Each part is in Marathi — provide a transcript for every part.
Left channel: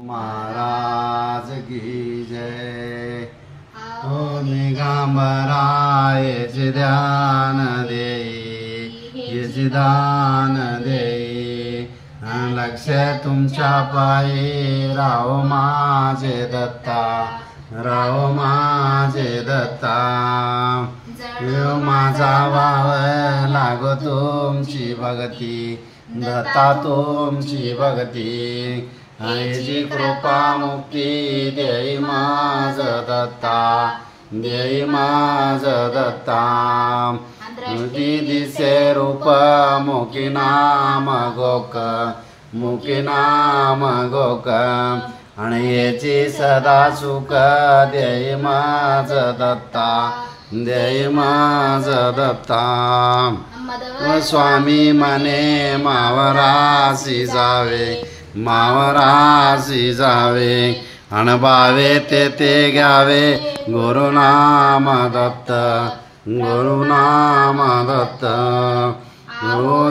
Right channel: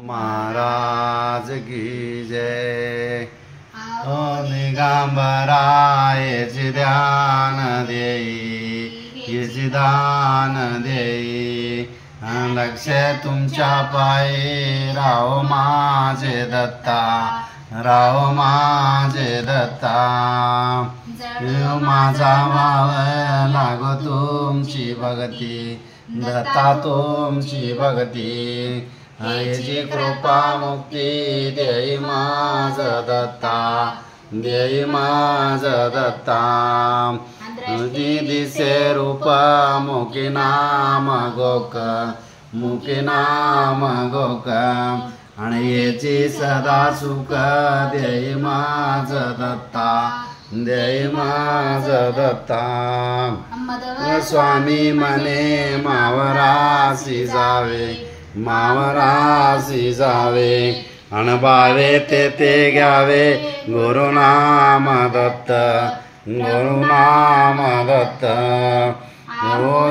महाराज की जय। दिगंबरायचे ध्यान देई, येचे दान देई, लक्ष तुमच्या पायी राहो माझे दत्ता, राहो माझे दत्ता। माझा वाव लागो तुमची भक्ती, दत्ता तुमची भक्ती। याची कृपा मुक्ती देई माझ दत्ता, देई माझ दत्ता। दिसे रूप मुखी नाम गोक, मुखी नाम गोक, आणि याची सदा सुख देई माझ दत्ता, देई माझ दत्ता। स्वामी मने मावरासी जावे, मावरासी जावे, अणबावे ते घ्यावे गुरुनाम दत्त, गुरुनाम दत्त।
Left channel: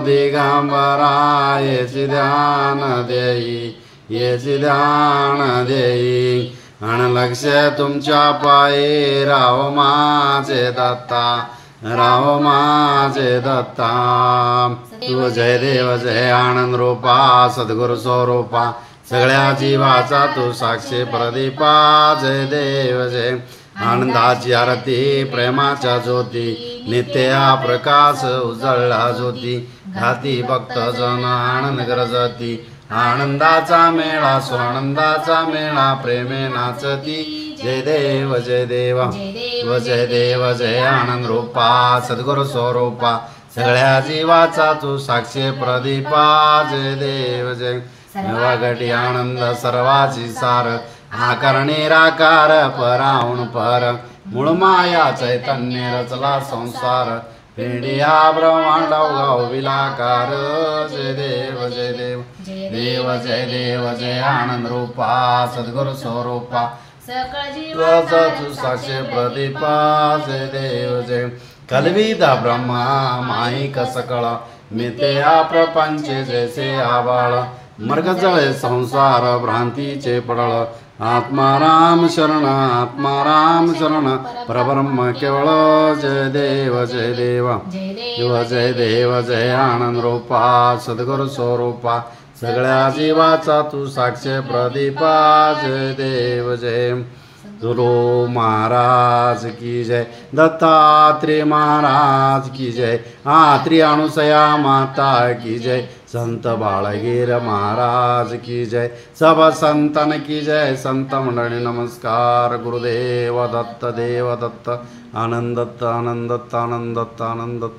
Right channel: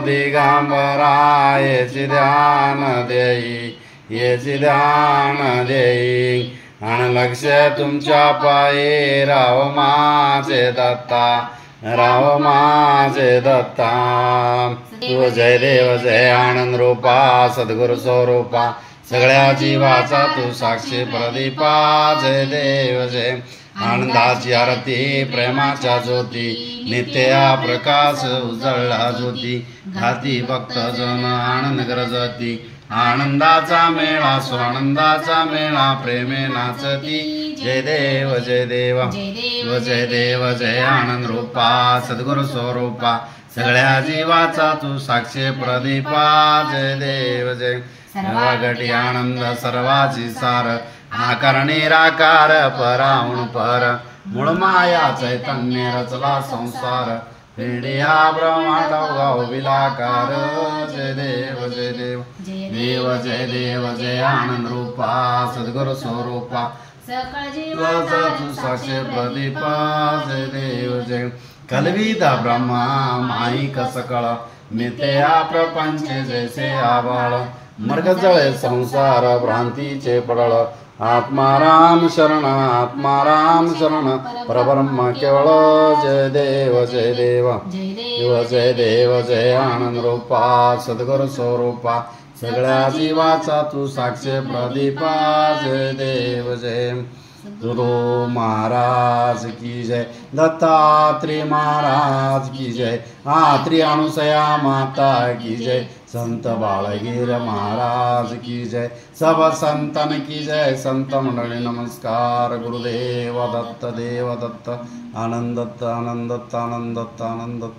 दिगंबरायचे ध्यान देई, येचे ध्यान देई, अण लक्ष तुमच्या पायी राहो माझे दत्ता, राहो माझे दत्ता। तू जय देव जय आनंद रूपा, सद्गुरु स्वरूपा, सगळ्या जीवाचा तू साक्षी प्रदीपा। जय देव जय। आनंदाची आरती प्रेमाच्या ज्योती, नित्य प्रकाश उजळला ज्योती, घाती भक्त जन आनंद गरजती। आनंदाचा मेळा स्वानंदाचा मेळा, प्रेमे नाचती। जय देव जय देव, जय देव जय आनंद रूपा, सद्गुरु स्वरूपा, सगळ्या जीवाचा तू साक्षी प्रदीपा। जय देव जय। सर्वगटी आनंद सर्वाची सार, आकार निराकार पराहुण पर, मूळ माया चैतन्य रचला संसार, पिढिया ब्रह्मांड गाव विलाकार। जय देव जय देव, देव जय देव जय आनंद रूपा, सद्गुरु स्वरूपा, सकळ जीवाचा तू साक्षी प्रदीपा। जय देव जय। कलविदा ब्रह्मा माईक सकळ, मिथ्या प्रपंच जैसे आबाळ, मर्ग जळे संसार भ्रांतीचे पडळ, आत्माराम शरण, आत्माराम शरण, परब्रह्म केवळ। जय देव जय देव, जय देव जय आनंद रूपा, सद्गुरु स्वरूपा, सगळ्या जीवाचा तू साक्षी प्रदीपा। जय देव जय। गुरु महाराज की जय, दत्तात्रेय महाराज की जय, आत्री अनुसया माता की जय, संत बाळगीर महाराज की जय, सब संतन की जय। संत मंडळी नमस्कार। गुरुदेव दत्त, देव दत्त, आनंद दत्त, आनंद दत्त, आनंद दत्त, आनंद दत्त।